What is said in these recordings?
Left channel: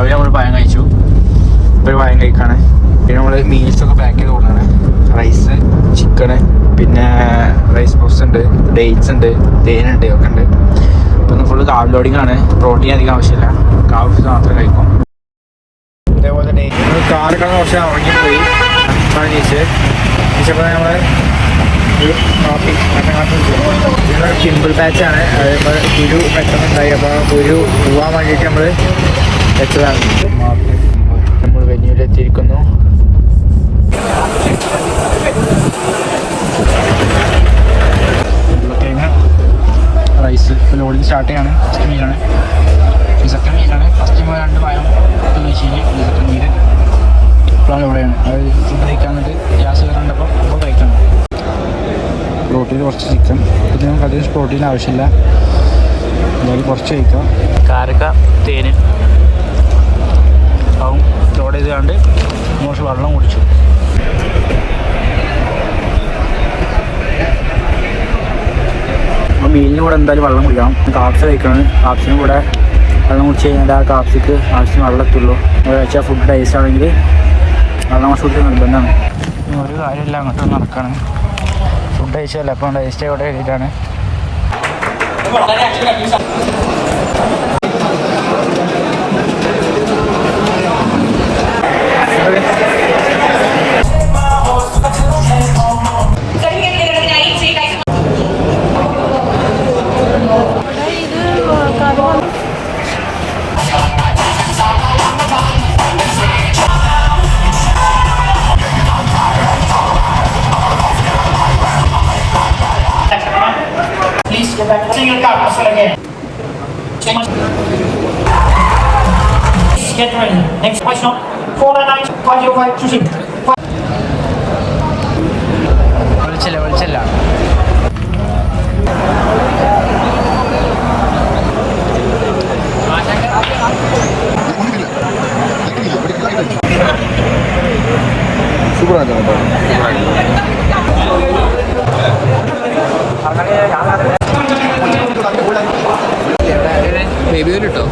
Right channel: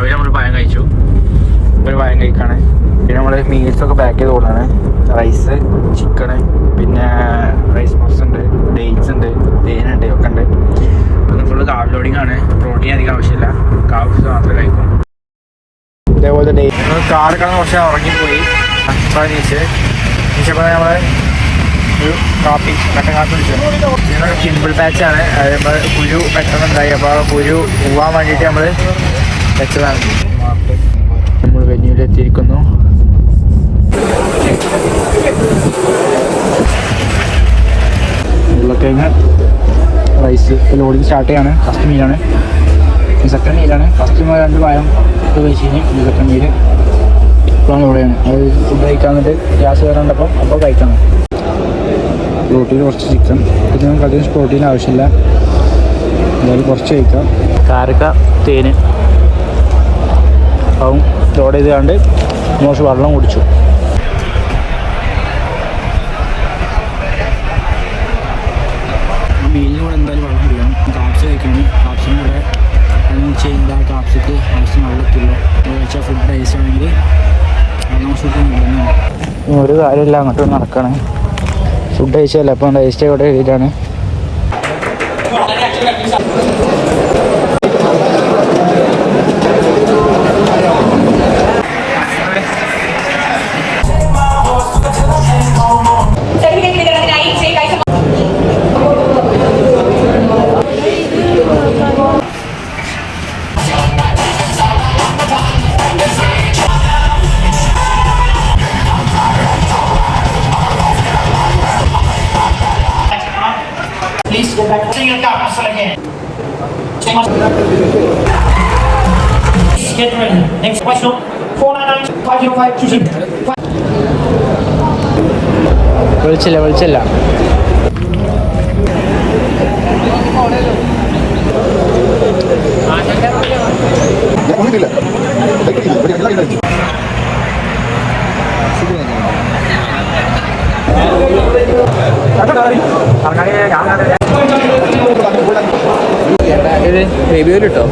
രാവിലെ നമ്മൾ പഴം കഴിച്ചു, ഒരു പഴം കഴിക്കാണ്. പിന്നെ നമ്മൾ മീൽസൊക്കെ പാക്ക് ചെയ്ത് കൊടുക്കാണ്. റൈസ്, ചിക്കന്, പിന്നെ റൈസ് ബോക്സ് ഉണ്ട്, ഡേറ്റ്സ് ഉണ്ട്, തേനുണ്ട്, ഒക്കെ ഉണ്ട്. അപ്പം ഫുള്ള് കാർബ് ലോഡിംഗ് ആണ്. പ്രോട്ടീൻ അധികം ആവശ്യമില്ല, കാർബ്സ് മാത്രമേ കഴിക്കും. അതേപോലെ ഡേറ്റ് കാറൊക്കെ കുറച്ച് ഉറങ്ങിപ്പോയി. നമ്മൾ കാപ്പി സിമ്പിൾ പാച്ചാണ്. അത് നമ്മൾ കുരു പെട്ടെന്നുണ്ടായി, അപ്പോൾ കുരു പോവാൻ വേണ്ടിയിട്ട് നമ്മൾ വെച്ചതാണ്. നമ്മൾ വെഞ്ഞിയിലെത്തിയിരിക്കുന്നു. റൈസ് ലോഡിങ് സ്റ്റാർട്ട് ചെയ്യാണ്. ഫസ്റ്റ് മീലാണ്, സെക്കൻഡ് മീലാണ്. ഫസ്റ്റ് മീൽ 2 പായം കഴിച്ച് കഴിഞ്ഞ് സെക്കൻഡ് മീൽ ഇപ്പോഴാണ് ഇവിടെയാണ്. അത് ഫുഡ് കഴിക്കാൻ വേണ്ടിയിട്ട് ഗ്യാസ് കയറേണ്ടപ്പോൾ അപ്പോൾ കഴിക്കണം. പ്രോട്ടീൻ കുറച്ച് ചിക്കൻ, പിന്നെ നമുക്ക് അധികം പ്രോട്ടീൻ ആവശ്യമില്ല, എന്തായാലും കുറച്ച് കഴിക്കാം. കാരക്ക, തേന് അപ്പം ലോഡ് ചെയ്തുകൊണ്ട് കുറച്ച് വെള്ളം കുടിച്ചു. മീനിന് കൂടെ എന്തായാലും വെള്ളം കുടിക്കാം. കാപ്സ് കഴിക്കണം. കാപ്സിനും കൂടെ വെള്ളം കുടിച്ച് കഴിഞ്ഞാൽ ആ കാപ്സിക്ക് ആവശ്യം വെള്ളം എത്തുള്ളൂ. ഒരാഴ്ച ഫുഡ് ടേസ്റ്റ് ആണെങ്കിൽ വെള്ളം കുറച്ച് നിർബന്ധമാണ്. ഒരു കാര്യമില്ല, അങ്ങോട്ട് നടക്കണം. ഫുഡ് കഴിച്ചല്ല, അപ്പം ടേസ്റ്റ് ഇവിടെ ചെയ്താണ്. Get ready. Next question. 499-505 choosing. വിളിച്ചില്ല. ബേബി ഓയിൽ ഇട്ടോ?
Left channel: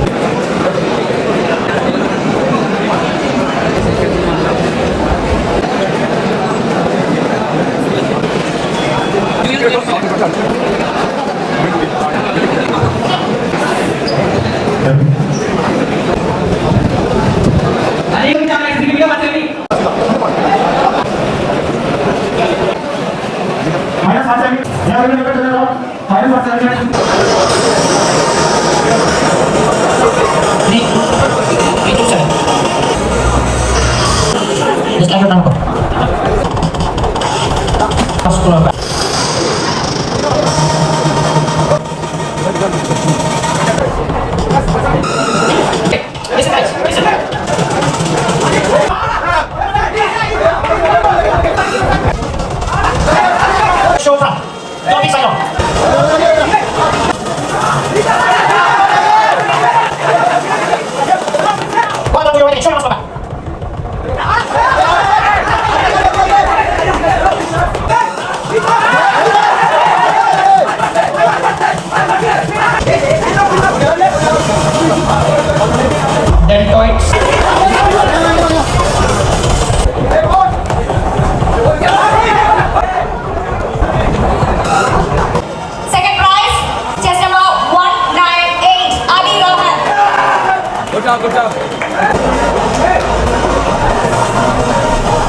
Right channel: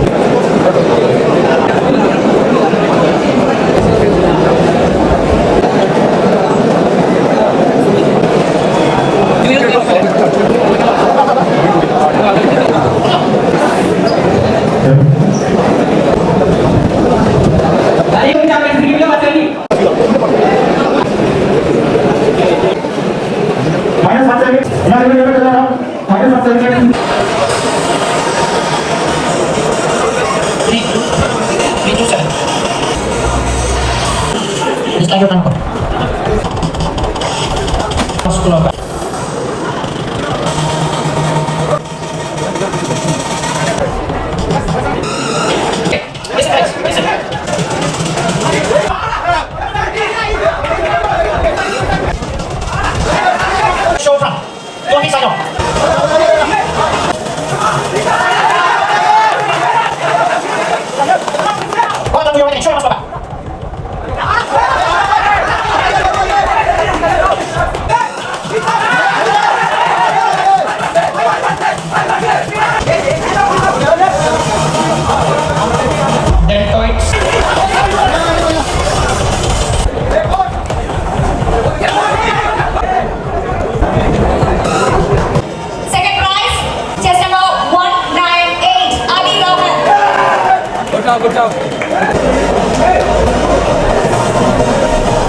Good job.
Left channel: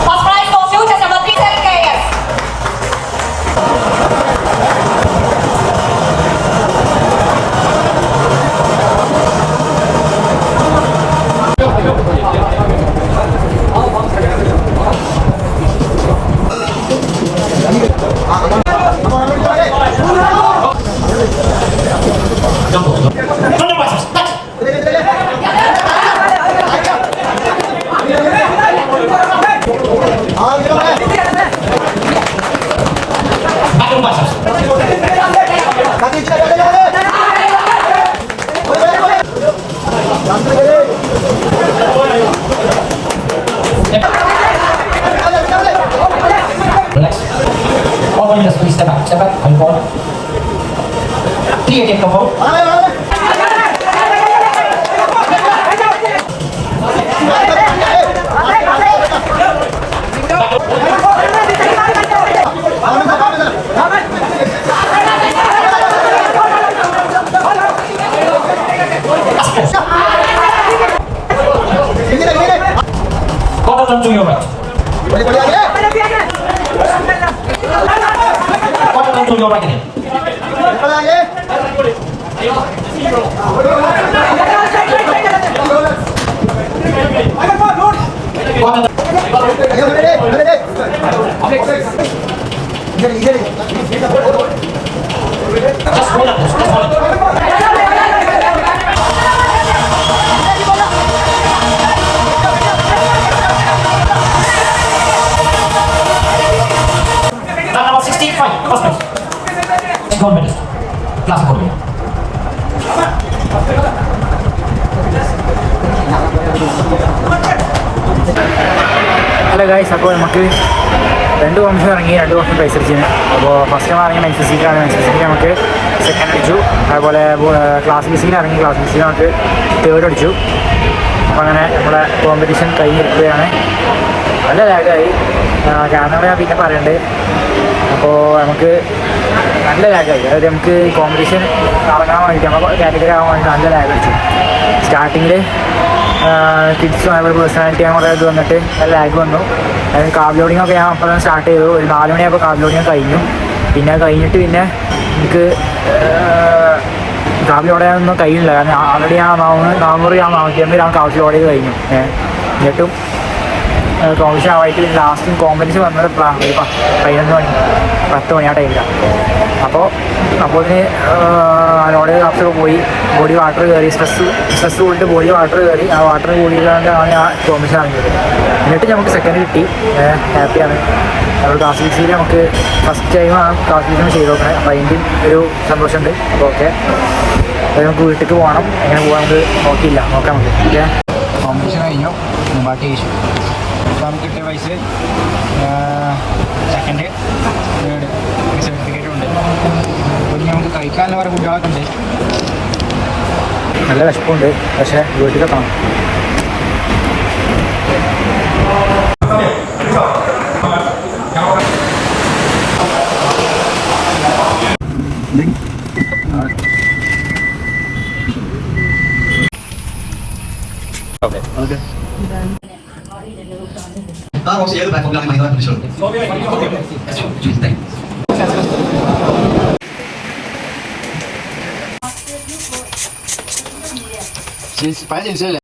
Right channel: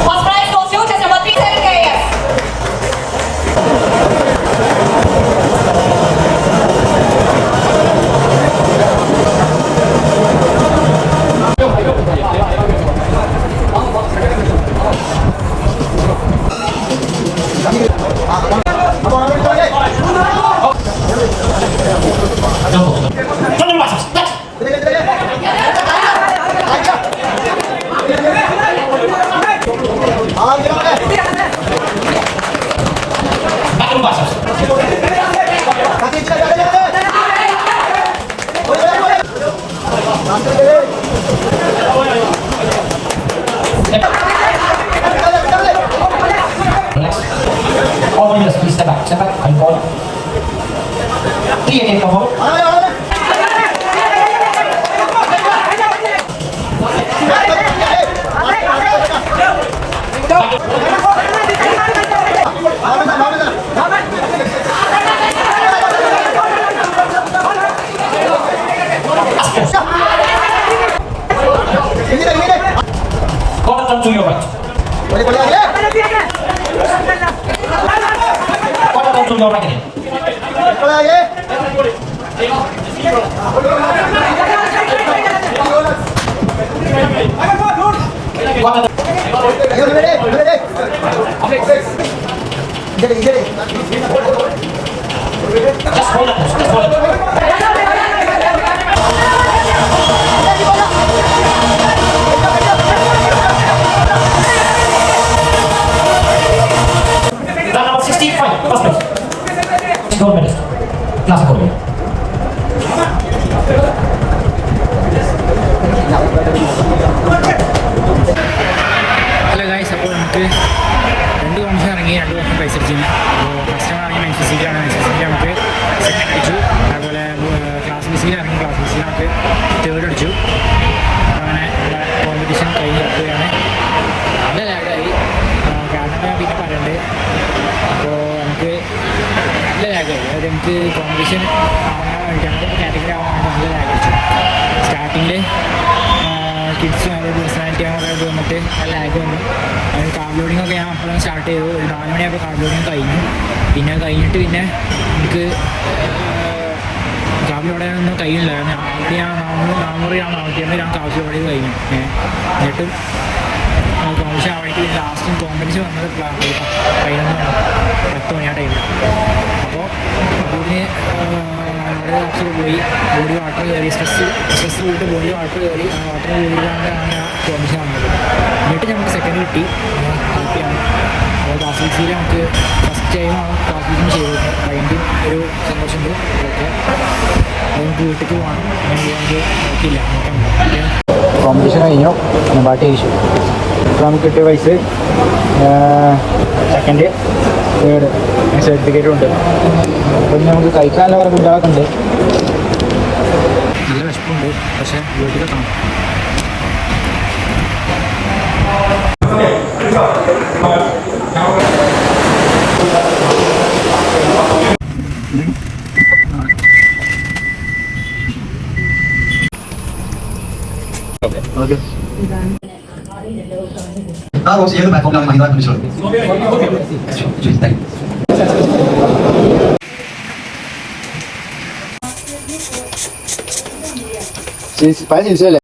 First prize goes to just number 37 KS. Step back, and forward. 3 again, go home. to your right. Lap number 60, fine, first place. Gold medal. Last gold medal. Hello guys, അപ്പോൾ നമുക്ക് 2 competition ഇറങ്ങി 2 വർഷം പൈസ അടിച്ചിരുന്നു. അപ്പോൾ first ഇറങ്ങി മെൻസിസിക്കാണ്. മെൻസിസിക്ക് നമുക്ക് second അടിച്ചു. അതുപോലെ ക്ലാസ് ബിസിന് ഇറങ്ങി. ക്ലാസ് ബിസിന് നമുക്ക് തേർഡ് അടിച്ചു. അപ്പോൾ അങ്ങനെ നമ്മുടെ കോമ്പറ്റീഷൻ കഴിഞ്ഞിരിക്കുകയാണ്. നല്ല ലാഗായി. കാനഡ ഞാൻ പിന്നെ പറയുന്നുണ്ട്. അപ്പോൾ നമുക്ക് നല്ല ലാഗായി. അതായത് നമുക്ക് ഈ കോമ്പറ്റീഷൻ ഇറങ്ങാൻ വേണ്ടിയിട്ട് നമ്മൾ കാറ്റഗറി ആകാൻ വേണ്ടി നല്ല ലാഗ് അടിച്ചു. സ്റ്റാർട്ടിങ്ങിൽ കിഡ്സും അതുപോലെ പേഴ്സണാലിറ്റി അങ്ങനെ ഇത് വന്നിട്ട് നല്ല ലാഗ് വന്നു. അതായത് കാബ് ലോഡിംഗ് ഒക്കെ ഞാൻ അപ്പോഴാണ് സ്റ്റാർട്ട് ചെയ്തു. ഒരു 4 മണിയായപ്പോൾ കാബ് ലോഡിങ് കഴിഞ്ഞു. പിന്നെ കഴിഞ്ഞിട്ട് പിന്നെ എനിക്ക് കാബ് ലോഡ് ചെയ്യാനൊന്നും കഴിയില്ല. കാരണം ആൾറെഡി ഞാൻ 400 ഞാൻ 450 കാബ് ലോഡ് ചെയ്ത് കഴിഞ്ഞു. എന്നിട്ടും കോമ്പറ്റീഷൻ ആവായിട്ട് ലാസ്റ്റ് കോമ്പറ്റീഷൻ വന്നത് 11 മണി 10 മണി ആ ടൈമിലാണ്. അപ്പോൾ ഇതിന് ലോഡ് ചെയ്ത കാപ്സൊക്കെ പോയി. ബോഡി വാട്ടർ കയറി. സ്ട്രെസ് പോയിട്ട് ബോഡി വാട്ടർ കയറി. ആ വാട്ടർ കൂടിയിട്ടാണ് ആ കോമ്പറ്റീഷൻ ഇറങ്ങിയത്. എന്നിട്ട് നമുക്ക് സെക്കൻഡ് കിട്ടി. ഹാപ്പിയാണ്. ക്ലാസ് ബിസിയിൽ നമുക്ക് ഫസ്റ്റ് ടൈമാണ് ക്ലാസ് ബിസിന് ചെയ്ത് നോക്കുന്നത്. അപ്പോൾ അതിൻ്റെ ഒരു സന്തോഷമുണ്ട്. ഓക്കെ, അത് നമുക്ക് വീട്ടിലേക്ക് പോകണം. അങ്ങനെ പോകാൻ നമുക്ക് നോക്കാം. നമുക്ക് കോമ്പറ്റീഷൻ കഴിഞ്ഞു. പാട്ട് കഴിച്ചു. അപ്പോൾ നമുക്ക് കിട്ടിയ പൈസ സെക്കൻഡ് തേർഡ് സർട്ടിഫിക്കറ്റും ഉണ്ട്. പിന്നെ നമുക്ക് കഴിക്കാനുള്ള വേറെ ഫുഡുകളൊക്കെ ഉണ്ട്. നല്ല വിശപ്പുണ്ട്. പക്ഷേ വീട്ടിലെത്തണം. ഓക്കെ. ആ റോസ് ഏത് പ്ലാറ്റ്ഫോമിലാണ് മഹിന്ദ്ര വിളിച്ചോളൂ. പഴയ ചിരിച്ചല്ലേ?